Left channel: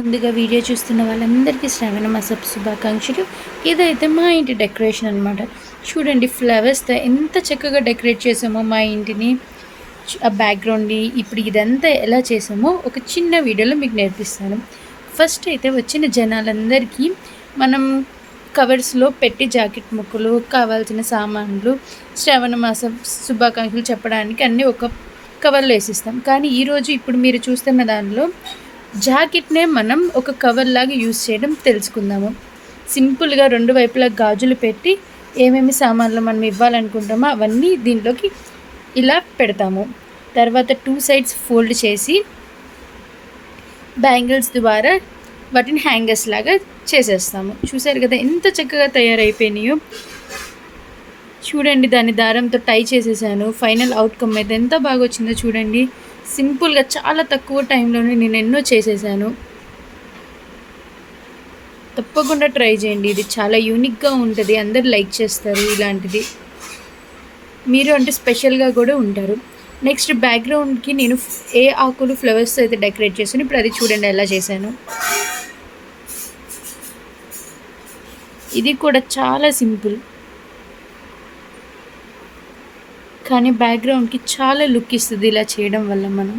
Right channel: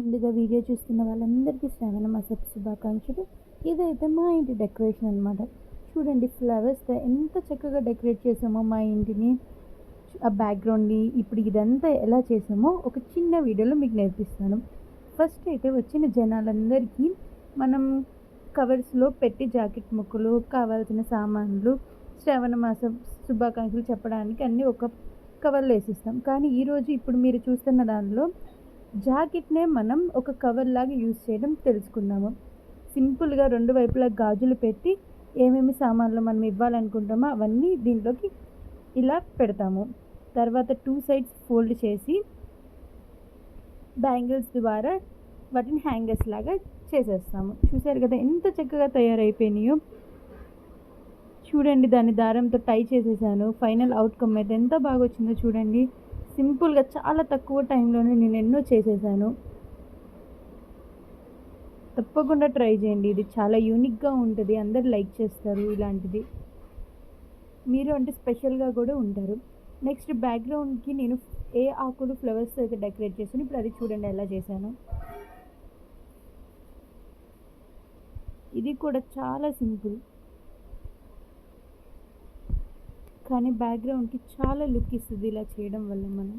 ముందుగా వీడియో చూస్తున్న వాళ్ళందరికీ శ్రావణ మాస శుభాకాంక్షలు. ఇదైతే మా ఇంటి డెకరేషన్ అనమాట. చూడండి ఫ్లవర్స్తో ఎంత చక్కగా డెకరేట్ చేసామో మా ఇంటిని. ఆ బ్యాక్గ్రౌండ్ని ఇప్పుడు ఇదంతా ఎలా చేసామో ఒక చిన్న వీడియోలో మీకు నేర్పిస్తాను. ఫస్ట్ అయితే వచ్చిన జనాలందరికీ మనం కవర్స్లో పెట్టి జాకెట్ ముక్కలు, కావాల్సిన సామాన్లు, శ్రావణ మాస శుభాకాంక్షలు చెప్పడానికి అన్నీ ఒక కవర్లో వేసిస్తాం. కానీ ఈరోజు ఇప్పుడు మీరు చూస్తున్న దానిలో జాకెట్నే మనం ఒక కవర్ లాగా యూజ్ చేయడం తెలుసుకుందాము. సింపుల్గా రెండు వైపులా గాజులు పెట్టి ఏమేమి సామాన్లు మనం ఇవ్వాలనుకుంటామో అవన్నీ దీంట్లోకి ఇలా పెడతాము. తర్వాత 2 సైడ్స్ ఫోల్డ్ చేసి బ్యాంగిల్స్ ద్వారా వాటిని హ్యాంగర్స్ లాగా చేసేస్తాము. చూసారు కదా ఎంత చక్కగా తయారైపోయినాయో. చూడండి దాన్ని దారంతో టై చేసేసాను. ఫైనల్ అవుట్కమ్ అయితే ఎంత బాగా వచ్చిందో చూడండి. సింపుల్గా చాలా తక్కువ టైంలోనే నేను ఎన్నో చేసేసాను. తప్పకుండా ట్రై చేయండి. ఇది చాలా యూనిక్గా ఉంటుంది, అందరు లైక్ చేస్తారు. ఇలాంటిది మీరు అంటే స్పెషల్గా కూడా ఉంటారు. నెక్స్ట్ బ్యాక్గ్రౌండ్కి నేను ఏ ఆకులు ఫ్లవర్స్ అయితే డెకరేట్ చేశాను. ఇప్పుడు అది చూడండి ఎలా చేశాను. ఇది కూడా చాలా సింపుల్, కానీ బ్యాక్గ్రౌండ్కి చాలా లుక్ ఇస్తుంది ఇలా చేయడం వల్ల. మనం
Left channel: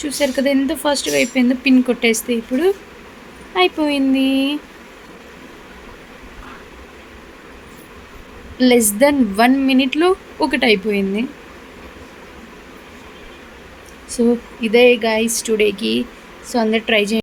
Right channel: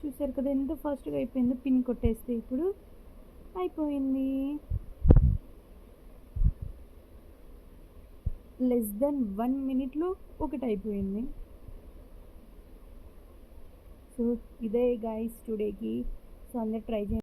చూసారు కదా ఎంత ఫాస్ట్గా అయిపోయిందో. పిన్ కొట్టేస్తే ఇప్పుడు అయిపోయింది. లెస్ దెన్ 1 మినిట్లో ఒకటి అయిపోయింది. సో ఇదే గైస్ టుడేకి. సో అందరు ట్రై చేయండి.